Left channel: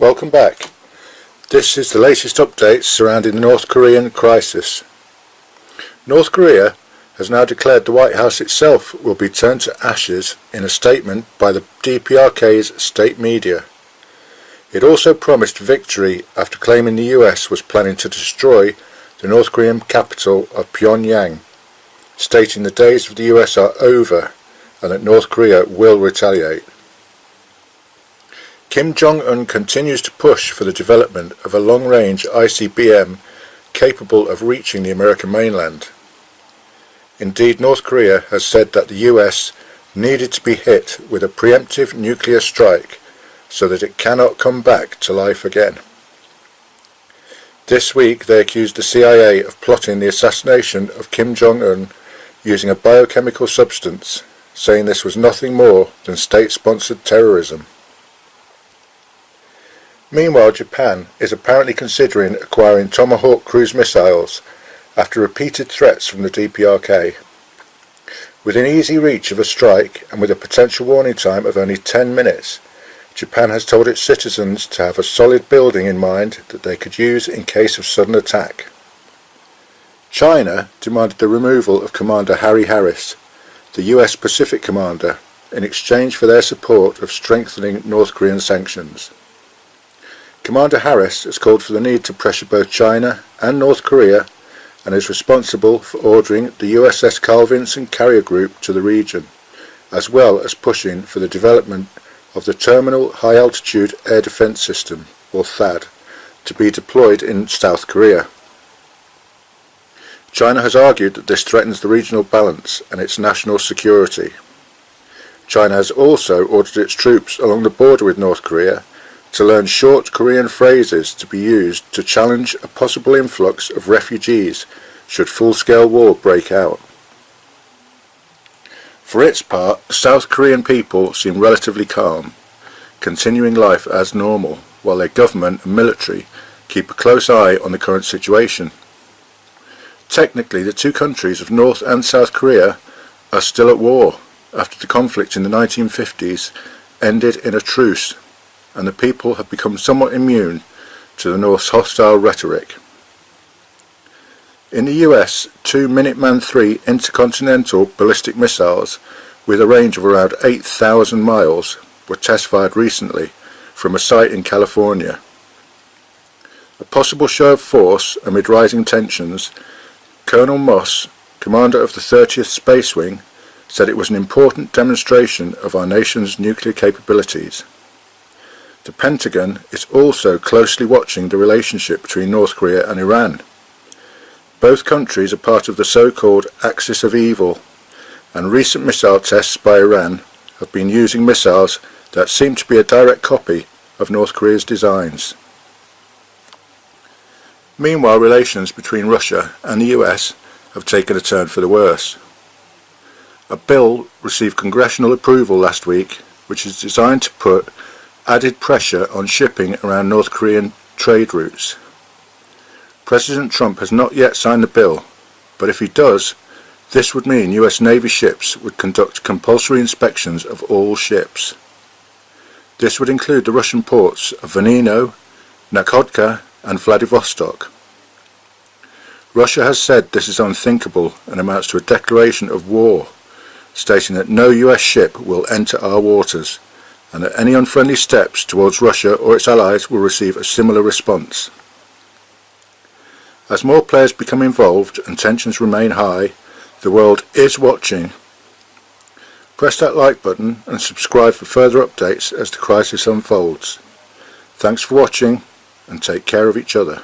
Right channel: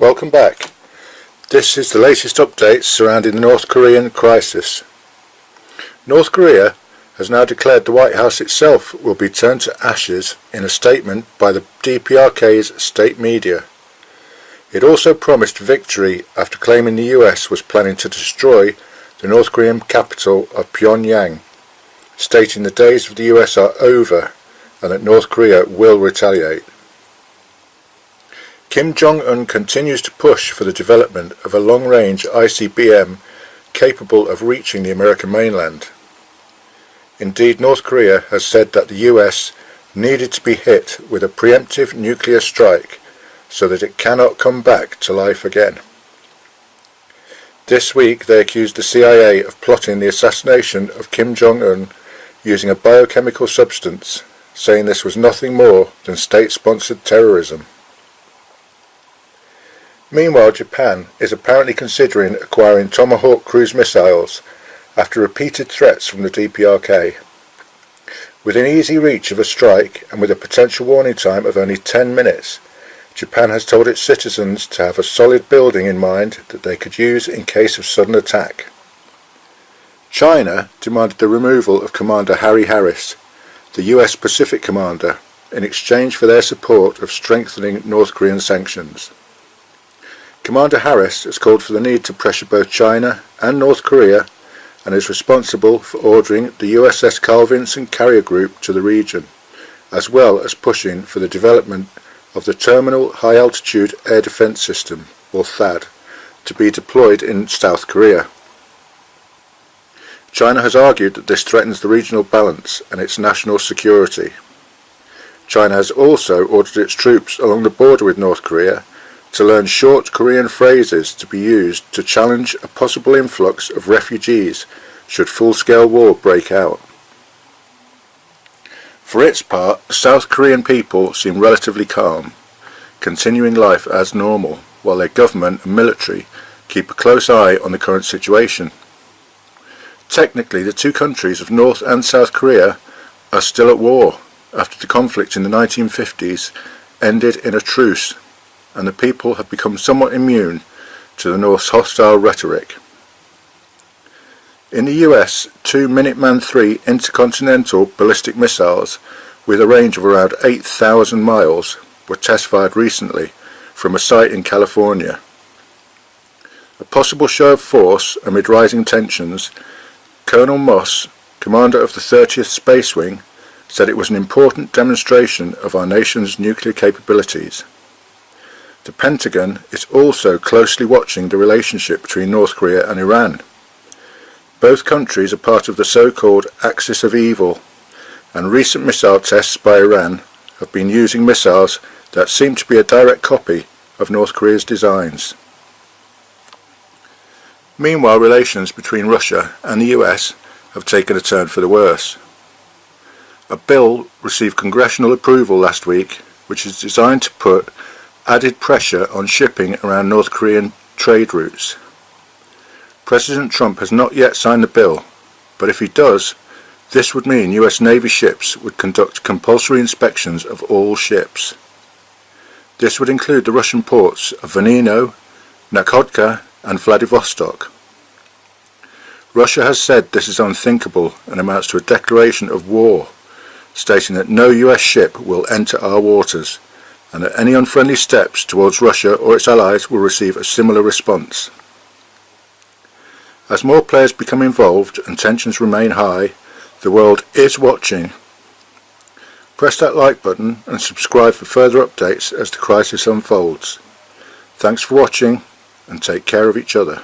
Welcome back. This is the latest updates surrounding the North Korean crisis. North Korea has now declared the White House itself will be turned to ashes in a statement by the DPRK's state media. It also promised victory after claiming the US was planning to destroy the North Korean capital of Pyongyang, stating the days of the US are over and that North Korea will retaliate. Kim Jong-un continues to push for the development of a long-range ICBM capable of reaching the American mainland. Indeed, North Korea has said that the US needed to be hit with a preemptive nuclear strike so that it cannot come back to life again. This week they accused the CIA of plotting the assassination of Kim Jong-un using a biochemical substance, saying this was nothing more than state-sponsored terrorism. Meanwhile, Japan is apparently considering acquiring Tomahawk cruise missiles after repeated threats from the DPRK. Within easy reach of a strike and with a potential warning time of only 10 minutes, Japan has told its citizens to have a solid building in mind that they could use in case of sudden attack. China demanded the removal of Commander Harry Harris, the US Pacific commander, in exchange for their support of strengthening North Korean sanctions. Commander Harris has called for the need to pressure both China and North Korea and is responsible for ordering the USS Carl Vinson carrier group to the region, as well as pushing for the development of the Terminal High Altitude Air Defense System, or THAAD, to be deployed in South Korea. China has argued that this threatens the regional balance and its national security. China has also ordered its troops along the border with North Korea to learn short Korean phrases to be used to challenge a possible influx of refugees should full-scale war break out. For its part, the South Korean people seem relatively calm, continuing life as normal, while their government and military keep a close eye on the current situation. Technically, the two countries of North and South Korea are still at war after the conflict in the 1950s ended in a truce, and the people have become somewhat immune to the North's hostile rhetoric. In the US, two Minuteman III intercontinental ballistic missiles with a range of around 8,000 miles were test-fired recently from a site in California. A possible show of force amid rising tensions, Colonel Moss, commander of the 30th Space Wing, said it was an important demonstration of our nation's nuclear capabilities. The Pentagon is also closely watching the relationship between North Korea and Iran. Both countries are part of the so-called Axis of Evil, and recent missile tests by Iran have been using missiles that seem to be a direct copy of North Korea's designs. Meanwhile, relations between Russia and the US have taken a turn for the worse. A bill received congressional approval last week which is designed to put added pressure on shipping around North Korean trade routes. President Trump has not yet signed the bill, but if he does, this would mean US Navy ships would conduct compulsory inspections of all ships. This would include the Russian ports of Vanino, Nakhodka and Vladivostok. Russia has said this is unthinkable and amounts to a declaration of war, stating that no US ship will enter our waters, and that any unfriendly steps towards Russia or its allies will receive a similar response. As more players become involved and tensions remain high, the world is watching. Press that like button and subscribe for further updates as the crisis unfolds. Thanks for watching and take care of each other.